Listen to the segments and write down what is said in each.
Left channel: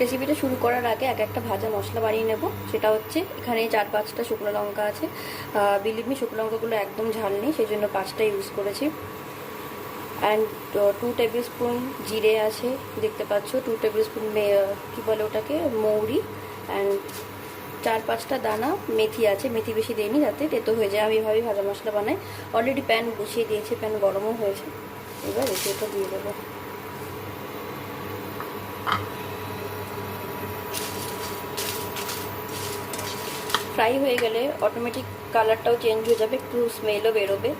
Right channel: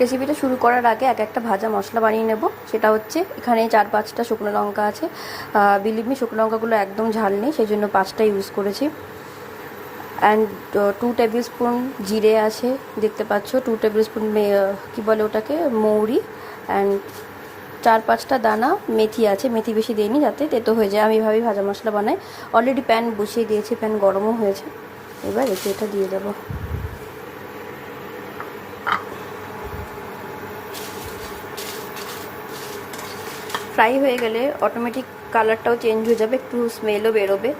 রেসিপিটা শুরু করার আগে একটা ভাজা মশলা বানিয়ে নেব। সেটা হচ্ছে এখানে 4-5টা শুকনো লঙ্কা আছে। বিলিভ মি, শুকনো লঙ্কাগুলো একদম ঝাল নেই, সেই জন্য 5টা ইউজ করেছি। অ্যান্ড 2 টেবিল স্পুন জিরে আছে, দেখতে পাচ্ছ। 2 টেবিল স্পুন কী বলে ওটাকে, মৌরি। অ্যান্ড 4-5টা দানা মেথি আছে। মেথি বেশি দিইনি যাতে তেতো হয়ে যায়। আমি এভাবেই ভাজা মশলা বানাই। অলরেডি প্যান বসিয়ে দিয়েছি, প্যান গরমও হয়েছে। এবার এটা দিয়ে দেবো। ফ্রাই হয়ে গেলে অটোমেটিক কালারটাও চেঞ্জ হয়ে যাবে, একটু স্মেলও বেরোবে।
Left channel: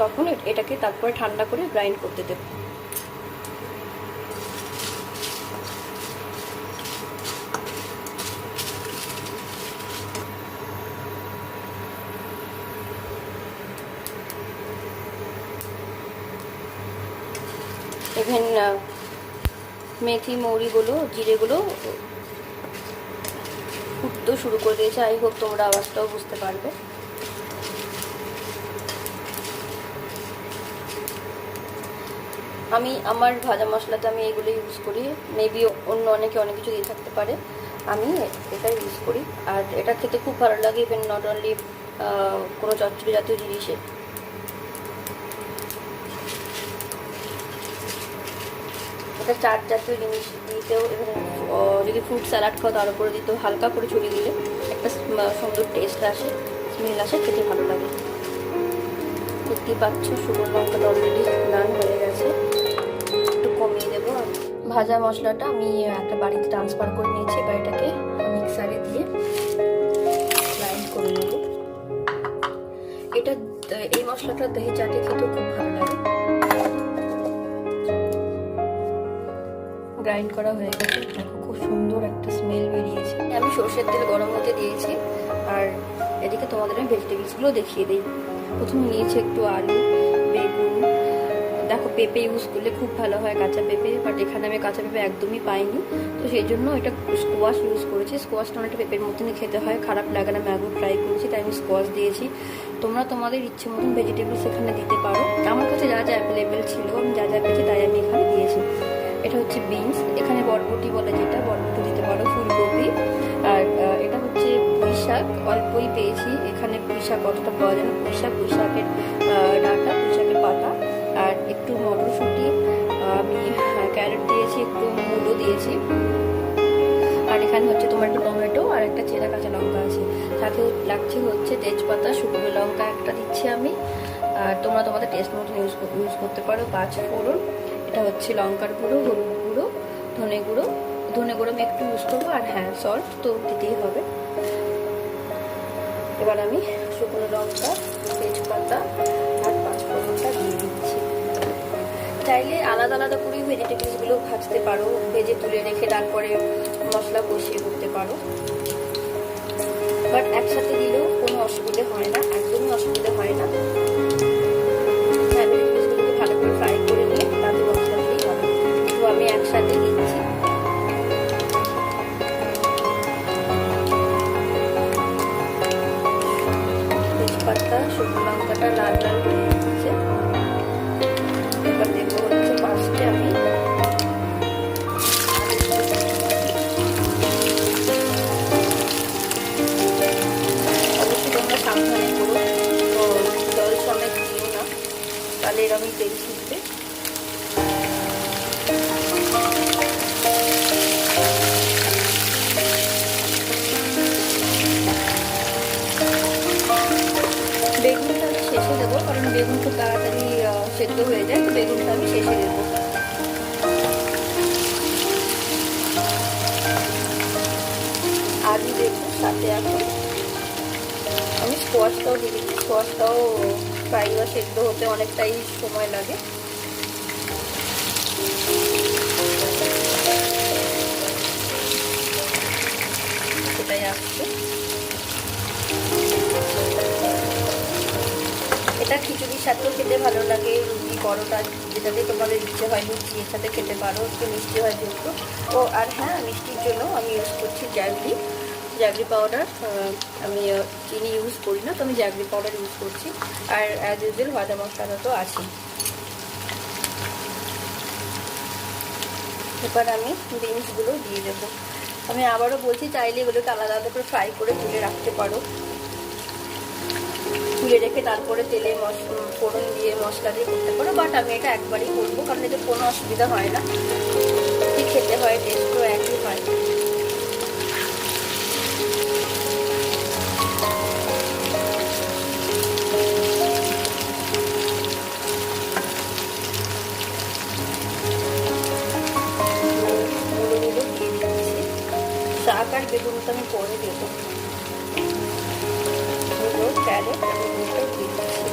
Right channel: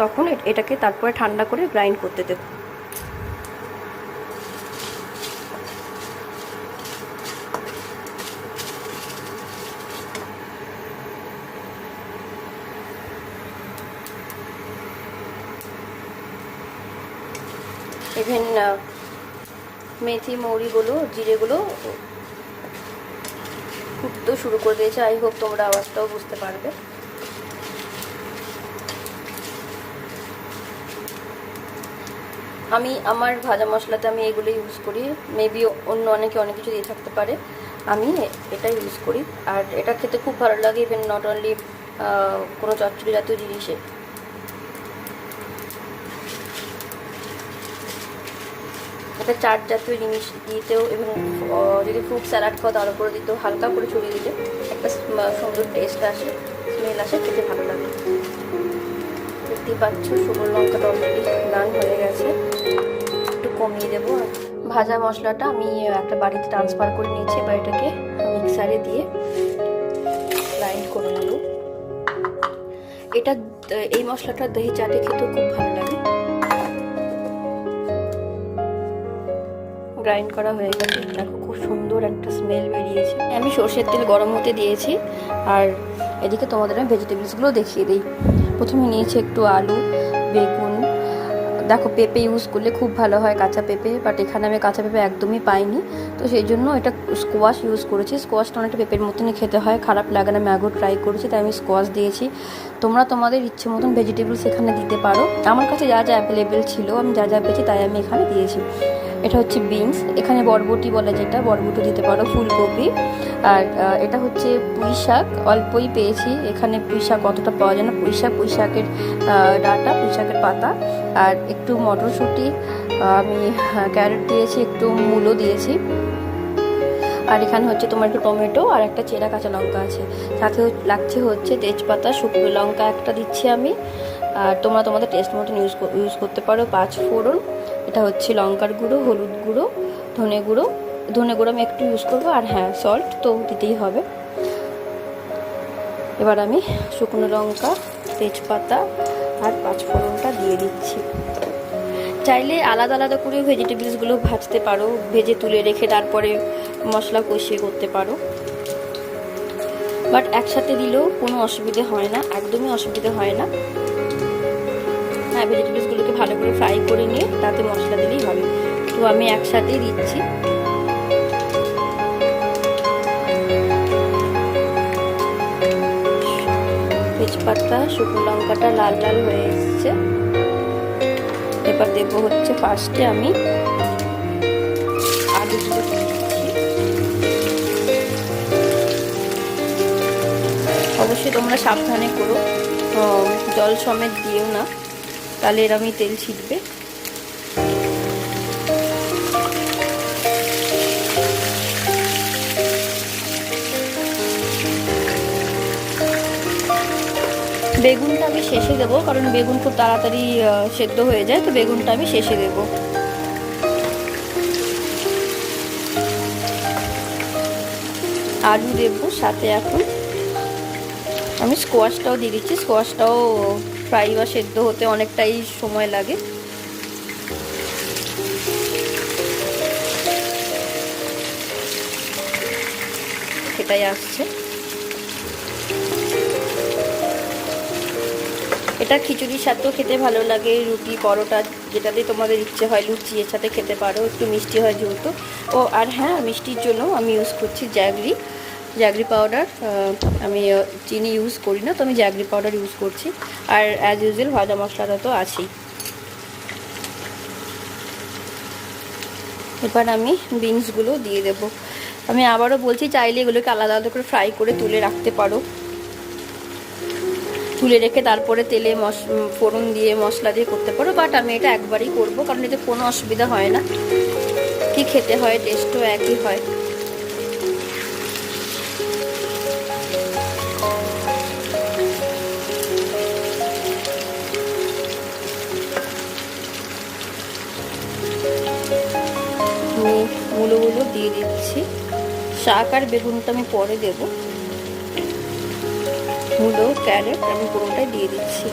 তখন এটাকে তারপরে ঠান্ডা করে গ্রাইন্ড করতে দেব। ইভেন মেথি মৌরিগুলো জিরেগুলো ফুটতেও শুরু করে দিয়েছে। আই হোপ তোমরা আওয়াজটাও বুঝতে পারবে। আমি আমার ভাজা মশলাতে আমি এগুলো ইউজ করি। মেবি অন্য অনেকে অনেক কিছু দিয়ে থাকতে পারে, আমি এটাই ইউজ করি। আর এটা খেতে খুব ভালো লাগে, ইভেন নট অনলি কোনো চচ্চড়ি জাতীয় জিনিসে। এটা চাট জাতীয় জিনিস দিতেও, এবং যদি ফ্রুট স্যালাড খাও তার উপরে দিতেও হালকা করে ছড়িয়ে দিলে একটা সুন্দর টেস্ট আসে, স্মেল আসে, খেতে ভালো লাগে। দেখতেই পাচ্ছ শুকনো লঙ্কাটা অলরেডি রান হয়ে গেছে। একটু কমিয়ে দেবো। ভাজা মশলাটা আমি একটা বাড়িতে ট্রান্সফার করে নিয়েছি। এবার এটাকে মিক্সারে দিয়ে গ্রাইন্ড করে নেব। এই মশলাটা দহি চাটে খেতেও খুব ভালো লাগে। গ্রাইন্ড করা হয়ে গেছে, দেখো খুব সুন্দর একটা স্মেল বেরিয়েছে। আমি সরষের তেল গরম হতে দিয়েছি। আর এদিকে তোমাদের আমি ভেজিটেবলসগুলো দেখিয়ে দিই। প্রথমে নিয়েছি একটু আলু, বেগুন। দেখো পেঁপে ইউজ করলে খুব ভালো হয়, কাঁচা পেঁপে, বাট এখানে আমি কাঁচা পেঁপে একদমই পাইনি, তো সেই জন্য এটা স্কোয়াশ ইউজ করেছি। স্কোয়াশটা অনেকটা পেঁপের মতনই খেতে হয়, খারাপ লাগে না। ম্যাগো ট্রাই করেছি, তাই আমি স্কোয়াশ দিয়েছি। তোমরা তোমাদের ইচ্ছে মতন ভেজিটেবলস এখানে দিতে পারো। আমার কাছে যা যা অ্যাভেলেবেল ছিল, আমি যা যা পেয়েছি তাই আমি এখানে দিয়েছি। এটা হচ্ছে বিনস, এখানে বরবটি বলে যেটা, বরবটি দিতে পারো, ফুলকপি। আর এটা হচ্ছে পুঁই শাক, অল্পই পেয়েছি এখানে। পুঁই শাক অতটা পাওয়া যায় না। পুঁই শাকের ডাঁটা, পুঁই শাকের পাতা, আর একটু মটরশুঁটি, আমি ক্যারট দিয়েছি, একটু মূলো দিয়েছি। আর এখানে হচ্ছে তোমার একটু টমেটো আর একটা চেরা কাঁচা লঙ্কা আছে। সাথে লাগছে হচ্ছে তেজপাতা, শুকনো লঙ্কা একটা দিচ্ছি আমি। আর তোমরা তোমাদের টেস্ট মতন ইউজ করতে পারো। 5 ফোড়ন, এটা হচ্ছে লঙ্কার গুঁড়ো, হলুদ গুঁড়ো, ধনে গুঁড়ো আমি একটু ইউজ করবো। আর হ্যাঁ, সল্ট তো দিতেই হবে। এবার আমি শুকনো লঙ্কা, তেজপাতা আর 5 ফোড়নটা দিয়ে দিচ্ছি। চাইলে আলাদা আলাদা করে ভেজিটেবলসগুলো ভাজতে পারো, ভেজে তুলে রেখে তারপরে মশলা কষিয়ে করতে পারো, বাট একসাথে দিলেও কোনো অসুবিধে হয় না, একদমই অসুবিধে হয় না। হ্যাঁ, ভেজিটেবলসগুলোকে ভালো করে ফ্রাই করে নিয়ে তাতে মশলা দিলেই হবে। তো আমি একসাথেই দিচ্ছি। তেজপাতা, শুকনো লঙ্কাটা লাল লাল হয়ে এসেছে। এবার দেবো হচ্ছে ফার্স্টে আমি আলুগুলো দিচ্ছি। অবশ্যই তোমরা সাবধানে করো, জল সমেত দিও না, তাহলে এরমই তেল ছিটবে। বেগুনটা আমি শেষে দেবো, কারণ বেগুন খুব তাড়াতাড়ি সেদ্ধ হয়ে যায়, তো বেগুনটা আমি শেষে দেবো। আলু দেবো সাথে। এখন আমি স্কোয়াশটাও দিয়ে দিচ্ছি। স্কোয়াশটাও ফ্রাই বা সেদ্ধ হতে অনেকটাই সময় লাগে। সেটাই আসছে। এটা খিচুড়ির সাথেও খেতে ভালো লাগে, রুটি, পরোটা, যেটাতে তোমাদের ইচ্ছে হয়, লুচি এর সাথে খেতে পারো। একটু মিষ্টি হয় যেহেতু। আর হ্যাঁ, মিষ্টির জন্য আমি ইউজ করছি জ্যাগরি পাউডার। আমি চিনি ইউজ করি না, তো আমি জ্যাগরি পাউডার ইউজ করছি। আর অ্যাজ ইউজুয়াল ভাজা মশলাটা তো আছেই। এবার আমি বিনসগুলো দিয়ে দেবো। আমি আবারও বলছি, চাইলে এগুলোকে আলাদা আলাদা করে ফ্রাই করে তুলে রাখতে পারো, তুলে রেখে তারপরে তেলে ফোড়ন দিয়ে মশলা দিয়ে করতে পারো, বাট আমি এটা একবারই করবো, কারণ এতে কোনো অসুবিধা হয় না, কি খেতে হয়, টেস্টও একই হয়। মূলোগুলো দিয়ে দিচ্ছি, শাক আর বেগুনটা আমি পরে দেবো। মূলো, ক্যারেট আমি পুরোটাই দিয়ে দিচ্ছি।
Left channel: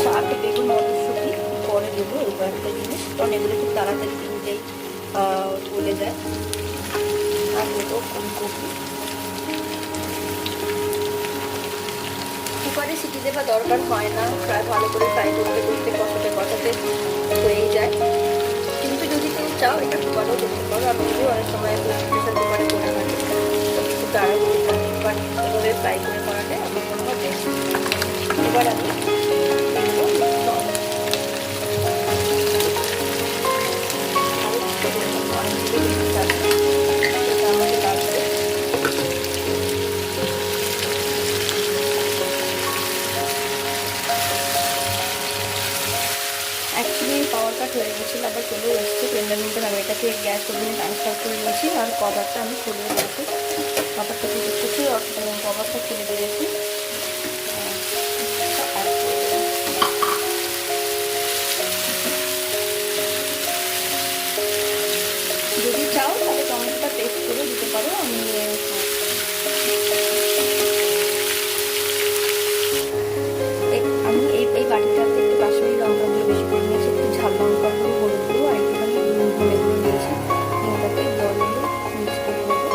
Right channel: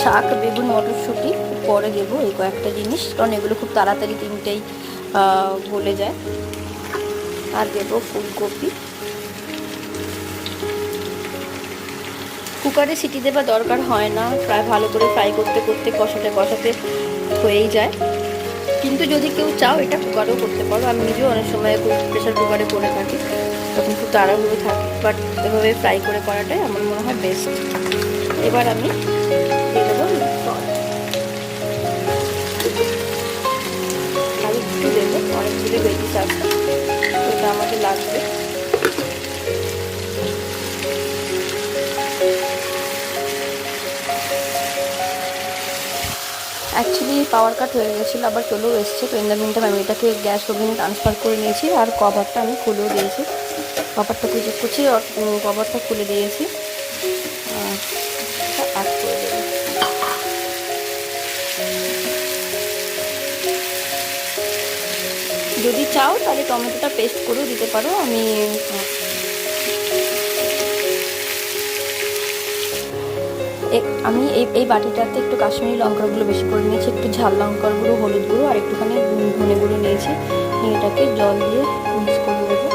শাক, বেগুন, মটরশুঁটি পরে দেবো, এই কয়েকটা জিনিস, কারণ এগুলো খুব তাড়াতাড়ি তিনটেই গলে যায়। আর দেবো ফুলকপি। কুকারে সিটি দেওয়ার দরকার হয় না, প্রায় ভালো করে ফ্রাই করতে করতে কষাতে কষাতে হয়েই যায়। কিন্তু যদি কেউ চাও এটা কুকারেও করতে পারো, আমি নিজেও অনেক সময় প্রেশার কুকারে করে থাকি, কিন্তু তাড়াহুড়ো থাকে, বাট এভাবে ফ্রাই করে করাটাই আমার মনে হয় বেস্ট। এবার আমি দিয়ে দেবো সস, আর একটু দেবো, অনেকগুলো বেশি চাচ্ছে, সেটা আমাকে লাগবে। অ্যাকচুয়ালি পাওয়ার কাট হয়ে গেছিলো, আবার চলেও এসছে, তো ইন্ডারমিনটা আমি এটাকে গ্যাস ওভেনে ট্রান্সফার করে নিয়েছি, আর কভারটা আমি খুলেও দিয়েছি। কভারটা খুলে দেখতেছি, কভারটা খুলে দিয়েছি। যদি চাও তাহলে টমেটোটা পেস্ট করেও দিতে পারো। আমি এই বাটিটাতে একটু কাশ্মীরি লঙ্কাগুলো বেশি করে নিয়েছি, একটু ঝাল লঙ্কার গুঁড়ো, হলুদ গুঁড়ো আর একটুখানি ধনে গুঁড়ো নিয়েছি। এটাকে জল দিয়ে মিক্স করে দেবো।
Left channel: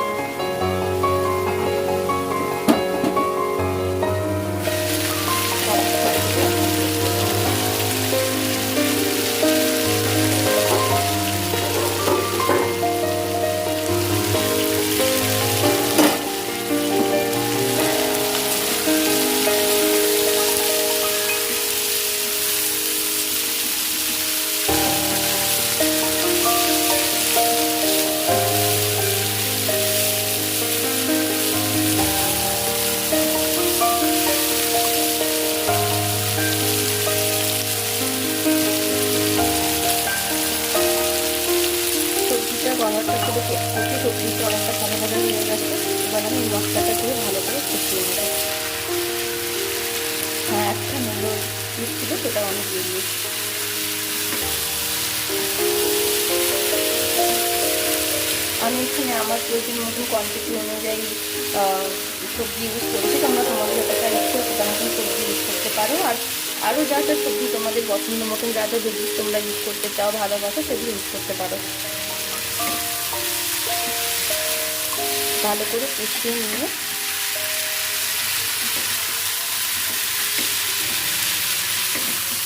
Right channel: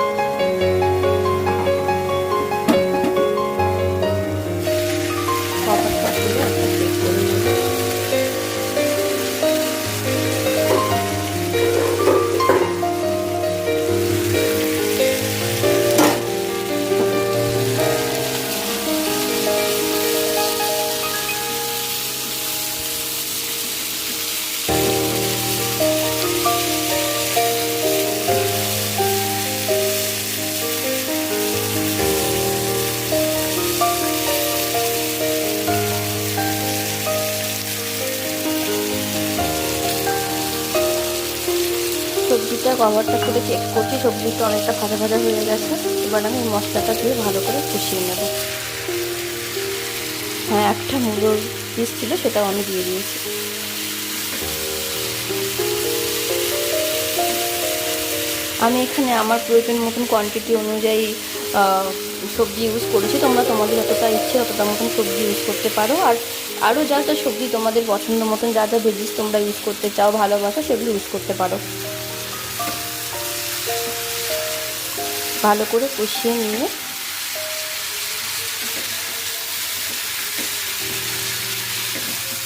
সবজিটা কভারটা করে চেক করছি, সবজিটা অনেকটা ভাজা ভাজা হয়ে গেছে। এবার আমি এই মশলাটা দিয়ে ভালো করে কষিয়ে নেব। হ্যাঁ, একটা মূলোর পিস ছিল, সেটাও আমি দিয়ে দিয়েছি। আমি এখানে আমার প্রয়োজন মতন কোয়ান্টিটি অনুযায়ী সবজি ইউজ করেছি, তোমরা তোমাদের যতটা ইচ্ছে ততটা মতন সবজি ইউজ করতে পারো। আর আরও যা যা সবজি তোমাদের পছন্দ মতন, যা যা ভেজিস তোমরা ইউজ করতে চাও, ভালোবাসো, সেগুলো ইউজ করতে পারো। ভালো করে কষিয়ে নিয়ে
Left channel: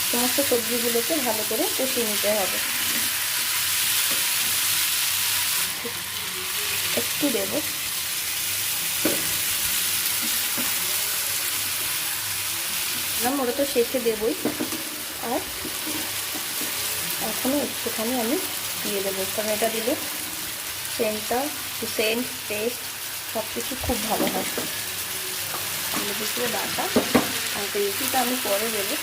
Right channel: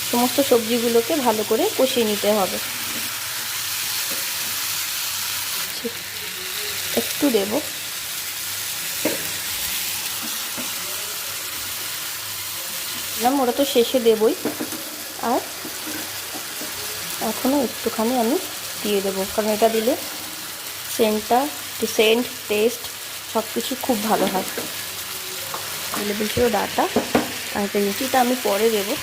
সমস্ত সবজিগুলোকে ভালো করে কষিয়ে নিতে হবে। একটু দেব, ওটা তো শেষে দেবই, আর এখনও একটুখানি আমি দিয়ে দেবো, কারণ এটা দিলে সেন্ট টেস্ট সব কিছু খুব ভালো হয়। দুটো ডাটা আর রেসিটা আমি পরে দেবো।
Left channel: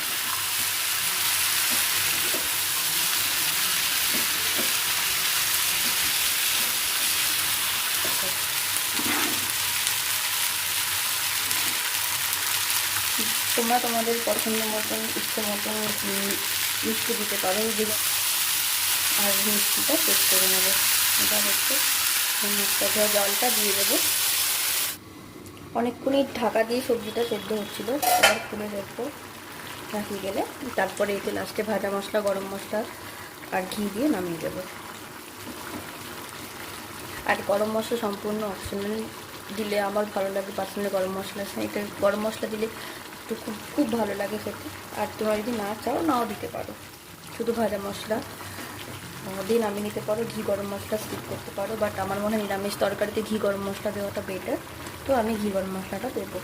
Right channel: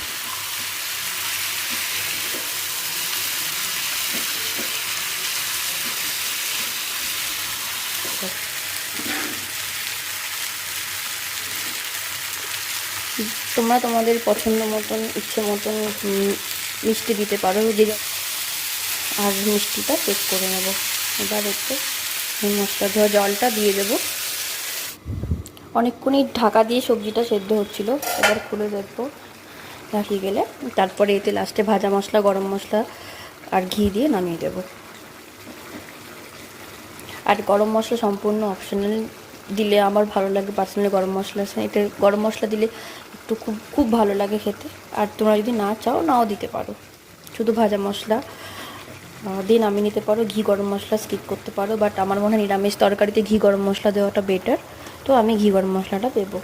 তোমরা তোমাদের পছন্দ মতন, ইচ্ছে মতন মিষ্টি দিতে পারো, আর মিষ্টিটা চেক করে নেবো। এবার একটু জলটা দিয়ে দেবো। অনেকক্ষণই ঢাকা দিয়ে সবজিটা সেদ্ধ হচ্ছিলো, এবার খুলে দেখবো ঢাকিয়ে গেলে, তারপরে এতে লাস্টে ভাজা মশলা, গরম মশলা আর ঘি দিয়ে নামিয়ে দেবো। আর গরম মশলা সম্পূর্ণ অপশনাল, দিলে আমার ভালো লাগে পার্সোনালি। গরম মশলা, এটা গরম মশলা দিলে একটু খুব ভালো লাগে খেতে। আর তোমরা যদি না চাও, নাও দিতে পারো, শুধু ভাজা মশলা দিয়ে নামিয়ে নিতে পারো। ঘি গরম মশলা স্কিপ করতে পারো, বাট আমার মনে হয় নিরামিষ তরকারিতে ঘি গরম মশলা দেওয়াটা বেটার, তো আমি ঘি গরম মশলাটা দেবো।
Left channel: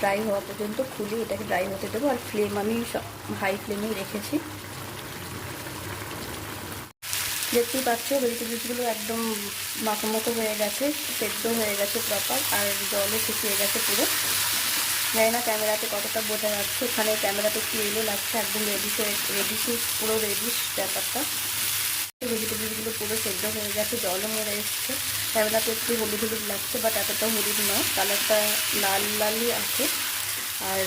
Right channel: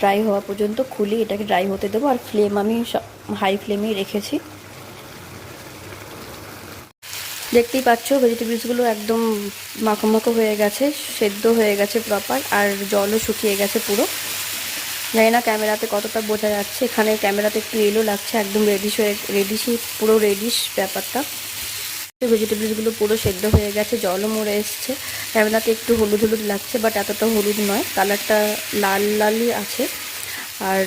ড্রাই হওয়া পর্যন্ত খুলে এটাকে ড্রাই হতে দেবো। আর ফ্লেম আমি হাই ফ্লেমেই রেখেছি। দেখতেই পাচ্ছ ভেজিটেবলসগুলো একদম মাখো মাখো হয়ে গেছে, সেদ্ধ হয়ে গেছে প্রপার, আর জলও শুকিয়ে গেছে পুরো। জানি না ক্যামেরাতে কতটা বোঝা যাচ্ছে, এখানে ক্যামেরাতে একটু এলো লাগছে, একদম রেডিশই পুরো রেডিশ ব্যাপারটা। ভেজিটেবলসগুলো পুরো সেদ্ধ হয়ে গেছে, জলও মরে এসছে। ক্যামেরাতে একটু হলুদ হলুদ লাগছে, বাট এতটা হলুদ নয়, কালারটা লাল লালই আছে। আর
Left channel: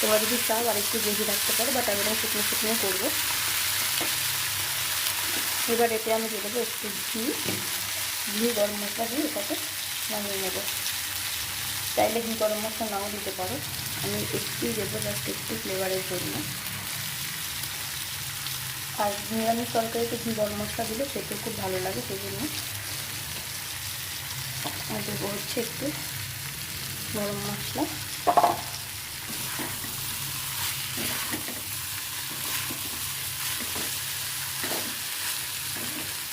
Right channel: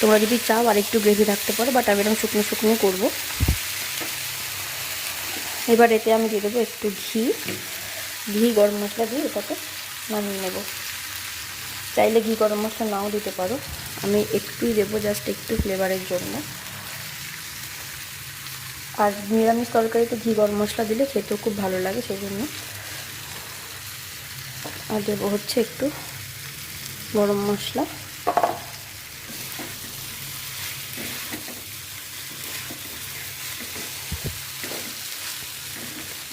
তোমরা যদি চাও আর একটু গ্রেভি রাখতে পারো, বাট আমি এরকম শুকনো শুকনো করবো। এবার এতে আমি দিয়ে দেবো একটু ঘি, গরম মশলা দিয়ে এটাকে নামিয়ে নেবো। চাইলে ঘি গরম মশলা নাও দিতে পারো, আমি একটুই দেবো, জাস্ট একটু ফ্লেভারের জন্য। আর নিরামিষ তরকারিতে ঘি গরম মশলা দিলে খেতেও খুব ভালো লাগে, সেই জন্য। আর দেবো হচ্ছে একটু গরম মশলা।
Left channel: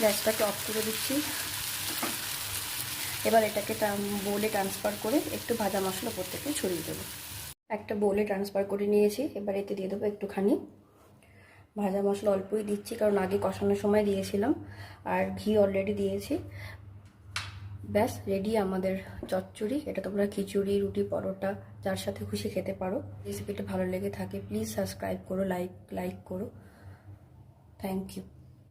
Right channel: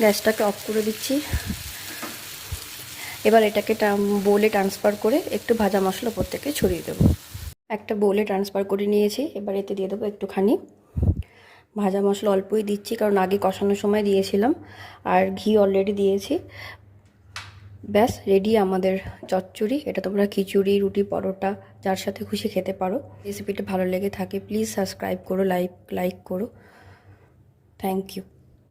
গ্যাসটাকে অফ করে দিচ্ছি। এবার এটাকে বোলে ট্রান্সফার করে একটু ভাজা মশলা উপর থেকে ছড়িয়ে দেবো। একটা বোলে ট্রান্সফার করে নিয়েছি। এবার এতে দিয়ে দেবো একটুখানি ভাজা মশলা, অল্পই দিচ্ছি কারণ আগে কষানোর সময় দিয়েছিলাম, আর ঘি অলরেডি দিয়েছি। ব্যাস রেডি আমাদের চচ্চড়ি। এটা তোমরা খিচুড়ি, রুটি, পরোটা যার সাথে খুশি খেতে পারো। রেসিপিটা ভালো লেগে থাকে প্লিজ সাবস্ক্রাইব করো, লাইক করো। Thank you.